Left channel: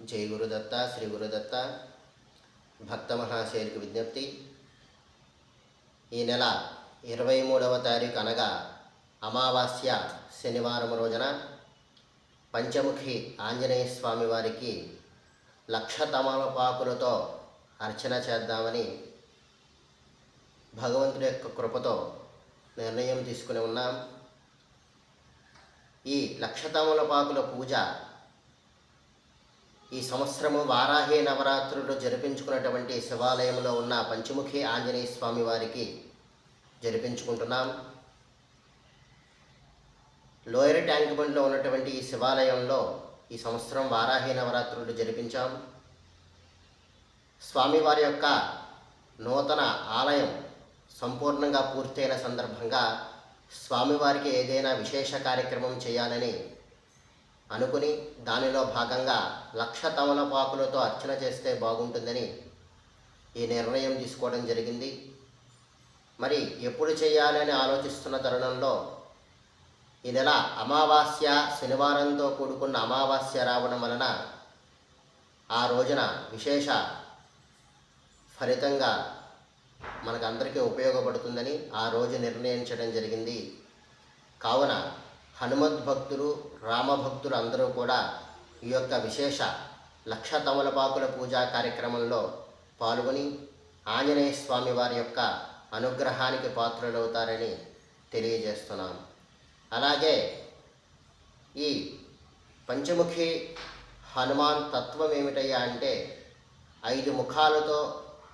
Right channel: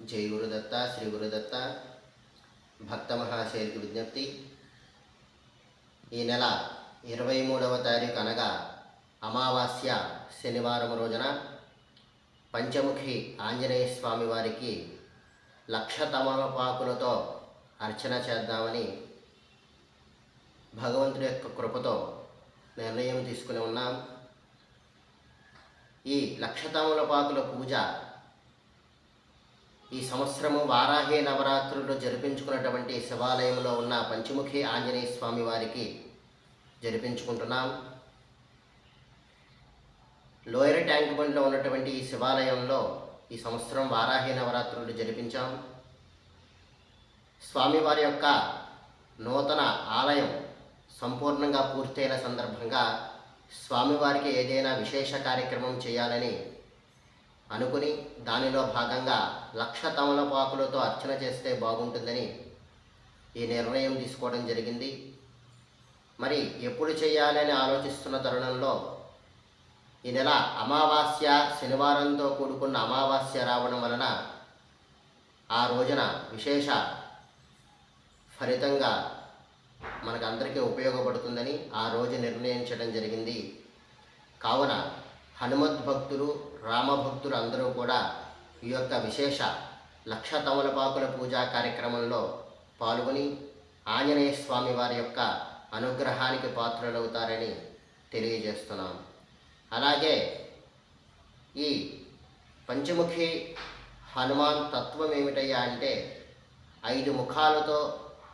జై గురుదత్త శ్రీ గురుదత్త భక్త మహాశైలికి విజ్ఞప్తి ఈ నెల ఇరవై మూడవ తారీఖు అనగా అమావాస్య శనివారం రోజున పంచముఖి ఆంజనేయ స్వామి వారికి లక్ష తమలపాకులతో అర్చన చేద్దామని భగవంతుడి యొక్క కృపతో నిర్ణయం తీసుకుని ఉన్నాం. ఈ లక్ష తమలపాకుల పూజ ఈ సంవత్సరము వారాహి నవరాత్రులు జరిపించుకున్నటువంటి శివాలయంలో ఉన్న పంచముఖి ఆంజనేయ స్వామి వారికి జరిపించుకుంటున్నాం. లోయర్ ట్యాంక్ బండ్లో ఉన్నటువంటి ఈ శివాలయంలో ఈ సంవత్సరం వారాహి నవరాత్రులు జరిపించాం. స్వామివారి యొక్క నూతన ఆలయం సంపూర్ణంగా పూర్తయిన సందర్భంగా స్వామివారికి ఏదైనా విశేష కార్యక్రమం చేయాలని అనుకుని దానిలో భాగంగా లక్ష తమలపాకులతో అర్చన చేస్తే బాగుంటుందని ఈ నిర్ణయం తీసుకోవడం జరిగింది. మరి ఎప్పుడు చేయాలని ఆలోచిస్తున్న తరుణంలో ఈ నెల అమావాస్య శనివారంతో కూడుకున్న అమావాస్య రావడం వలన ఆ రోజున విశేష ఫలితంగా మనకందరికీ ఉపయోగపడుతుందని ఆ రోజు నిర్ణయించడం జరిగింది. కావున హనుమద్ భక్తులు రామభక్తులు అందరూ కూడా ఈ యొక్క విశేష లక్ష తమలపాకుల పూజా కార్యక్రమంలో పాల్గొని ఆంజనేయ స్వామి వారి యొక్క అనుగ్రహానికి పాత్రలవుతారని తెలియజేస్తున్నాం. అలాగే ఈ పంచముఖి హనుమాన్ తత్వం ఏమిటయ్యా అంటే ఐదు ముఖాలతో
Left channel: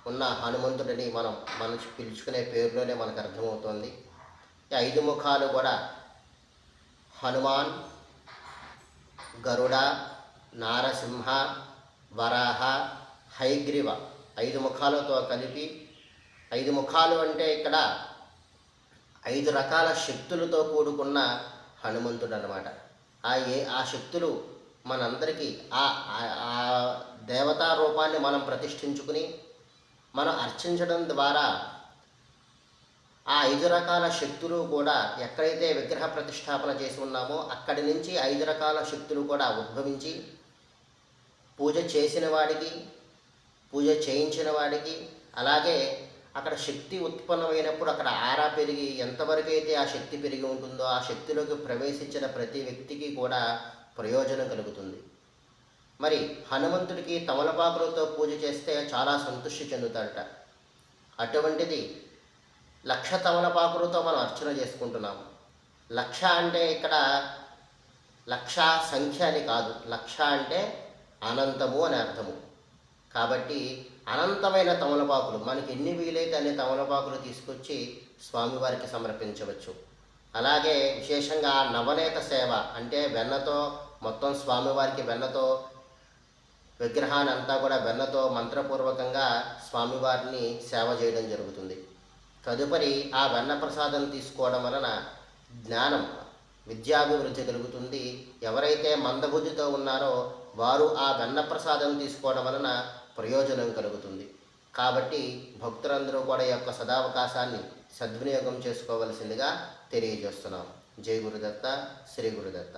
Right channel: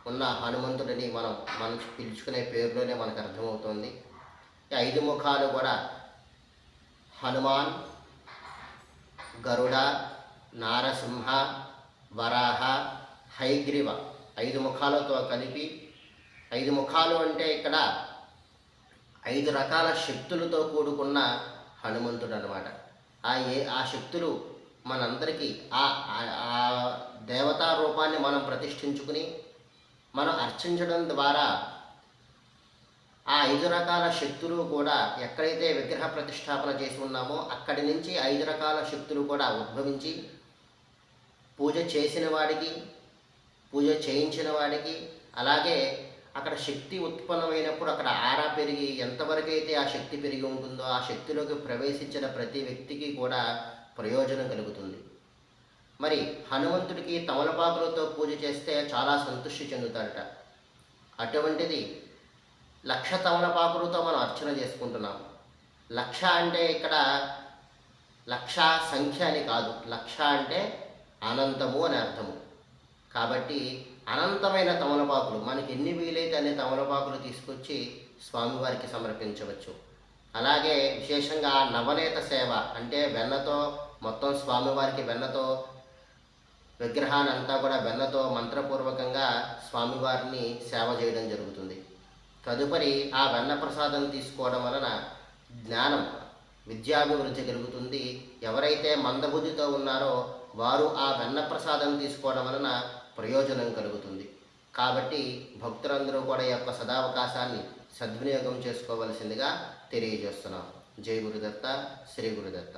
ఉన్న హనుమంతుడిని మనం మనం పిలుచుకునే పేరులోనే మనకు అర్థమవుతుంది. ఐదు ముఖాలు కూడా హనుమాన్ గరుడ నారసింహ వరాహ హైగ్రీవ ఐదు ముఖాలతో కలిపి ఐదు ముఖాలు అంటే ఇక్కడ ఐదు రకాల శక్తులతో కూడుకున్న హనుమంతుడు అనమాట ఆ ఏ ఆ శక్తులు మనందరికీ ఆ ఆ- దేవతా రూపాన్ని మనం ప్రతిష్ఠించుకుని మనం అర్చించడం ద్వారా ఆ ఐదు రకాల శక్తులు కూడా ఎక్కడైతే విగ్రహ ప్రతిష్టాపన చేసి ఉన్నామో అక్కడి నుంచి ఐదు రకాల శక్తులు కూడా ఉద్భవించి పూజ చేసిన వాడికి పూజ చేయించిన వాడికి అలాగే అక్కడ శక్తి ఉత్పన్నమైనప్పుడు అక్కడ ఆరా పెరిగి ఎంతవరకు అయితే ఆ శక్తి పెరిగి ఉంటుందో ఆ శక్తిలోకి ప్రవేశించిన ప్రతి వ్యక్తికి కూడా ప్రయోజనం కలుగుతుంది. మరి హనుమంతుడికి తమలపాకులతో పూజ చేస్తే చాలా సంతృష్టి చెందుతాడట. అటువంటిది లక్ష తమలపాకులతో మనం అర్చన చేసుకుంటున్నాము. లక్ష అంటే ఇక్కడ లక్ష సంఖ్య అని కాదు. లక్ష అంటే అనంతము అని అర్థము. కాబట్టి అనంతమైన తమలపాకులు మనకి ఎన్ని వీలైతే అన్ని తమలపాకులు తీసుకొచ్చి స్వామివారికి సమర్పించవచ్చు. అలాగే విశేషంగా నవనేత సేవ అంటే వెన్నతో మొత్తం స్వామివారికి వెన్నతో విగ్రహాన్ని అంతా కూడా వెన్నతో మంత్రపూర్వకంగా స్వామివారిని సేవ చేయడం జరుగుతుంది. తదుపరి ఆ వెన్న ప్రసాదం తీసుకోవడం వలన జ్ఞానం విద్యాభివృద్ధి కలుగుతుంది. ఎవరైతే మందబుద్ధితో ఉన్నారో వారు ఆ వెన్న ప్రసాదం తీసుకోవడం వలన ప్రయోజనం కలుగుతుంది. కాబట్టి భక్తులందరూ కూడా ఈ యొక్క సదావకాశాన్ని సద్వినియోగం చేసుకోవలసిందిగా తెలియజేస్తున్నాం. జై గురుదత్త శ్రీ గురుదత్త.